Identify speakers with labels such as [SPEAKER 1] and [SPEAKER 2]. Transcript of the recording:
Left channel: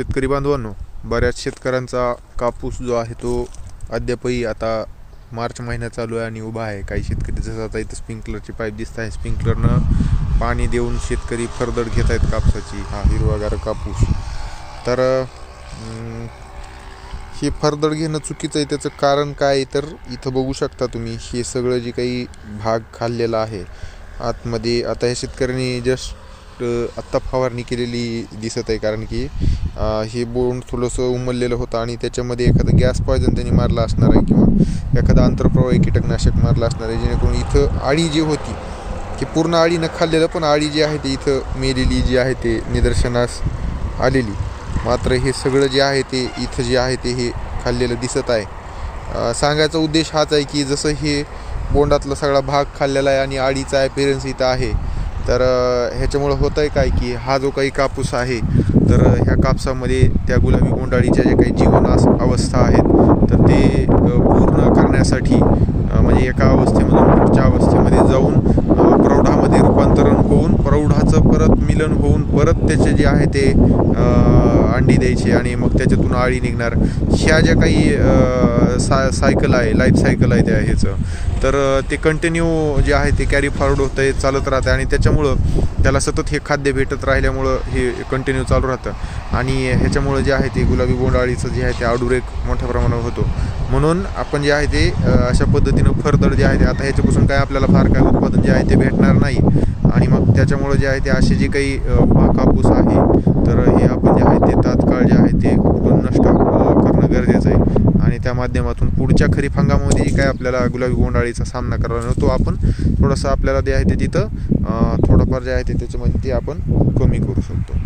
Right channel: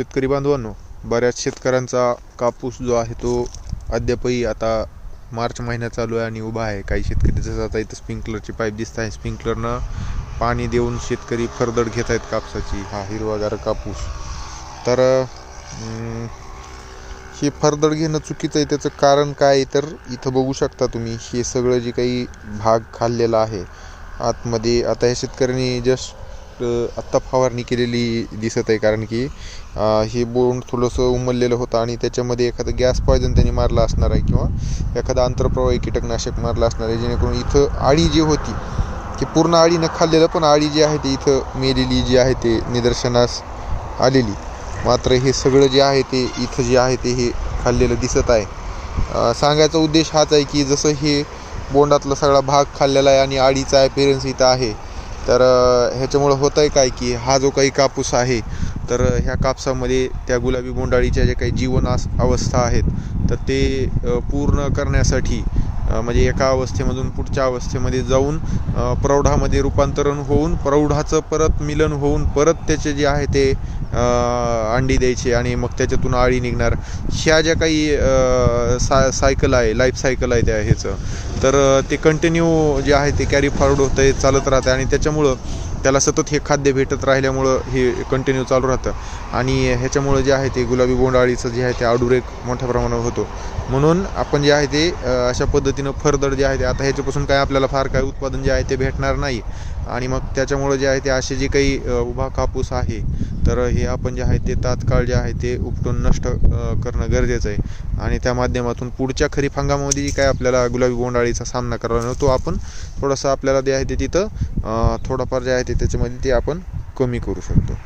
[SPEAKER 1] शेतकरी बांधवांनो बऱ्याच शेतकऱ्यांचा कापूस जो आहे तो अद्यापही आता मार्च महिना चालू आहे आणि उभा आहे. काही शेतकरी जसं आता इथं स्प्रिंकलरची पाईप दिसत आहे. स्प्रिंकलरनं पाणी देऊन शेतकरी फरदड घेत आहेत कापसाची हा हिरवागार कापूस. तर हे फरदड घेणं चुकीचं आहे. त्याचं कारण काय आहे तर इथं बघू शकता तुम्ही हे सगळं जे काही भाग खाल्लेला आहे आतमध्ये आता ह्या शेतकऱ्यांनी जस्ट आत्ता फवारणी केलेली दिसत आहे कारण की हे बोंड थोडंसं उमललेलं होतं आणि त्याच्यामध्ये एखादं गॅस पॉयझन त्यांनी मारलं असणार आहे किंवा एखादं आंतरप्रवाही कीटकनाशक मारलं असणार आहे जेणेकरून इथं आळी जी होती की पूर्ण आळी न खाल्लेलं पण आळी जी आहे ती इथं मेलेली जी आहे ते निदर्शनास आलेली. मात्र हे सगळं जे आहे ते इथं जे आहे ते हे खाल्लेलं दिसत आहे. सांगायचा उद्देश हाच आहे की जसं हे बोंडातला सगळा भाग खाल्लेला आहे आणि आळीचा ॲपिरन्स इथं आहे तर ह्याच्यामुळं होतं आहे काय की हा जो काही कापूस आहे तर ह्या कापसामध्ये त्या गुलाबी गोंडाळीच्या जे काही जीवन अवस्था आहेत तर ते पूर्ण करण्यासाठी म्हणजे एका अवस्थेमधून पुढच्या अवस्थेमध्ये जाऊन प्रौढामध्ये रूपांतरण होऊन प्रौढाचं परत मिलन होऊन परत त्याचे जे आहे ते अंडी द्यायचे आणि मग त्याच्यातून आळी निघणार. ह्या ज्या काही सा सायकल आहे लाईफ सायकल आहे त्या ह्याचं. तर ते कंटिन्यू जे आहे ते कॅरी फॉरवर्ड होतं आहे चालत राहतं आणि त्याच्यामुळं त्याला सतत हे खाद्य भेटत राहिल्यामुळं हे कंटिन्यू चालू राहतं. आणि ह्याच्यामुळं जे आहे ते गुलाबी बोंडाळीचं जे आहे ते आडुरेक मोठ्या प्रमाणावर होतो. म्हणून आपण जे आहे ते अशा पद्धतीनं फरदड जे आहे ते आता ह्याच्यापासून काय आपल्याला फार काय उत्पादन जे आहे ते भेटणार नाही. आणि मग त्याच्यामुळं जे आहे ते असे जे काही उभा कापूस आहे तर हे आपण जे आहे ते तात्काळ जे आहे ते नष्ट करणं गरजेचं आहे. आणि त्या माध्यमातून पुढच्या खरीप हंगामामध्ये जी काय आपल्याला गुलाबी बोंडाळीचा सामना करावा लागतो आपण थोडंसं आपल्याला जे आहे ते तिथं थोडंफार जे आहे ते त्याच्यामध्ये ते आपण कमी करू शकतो.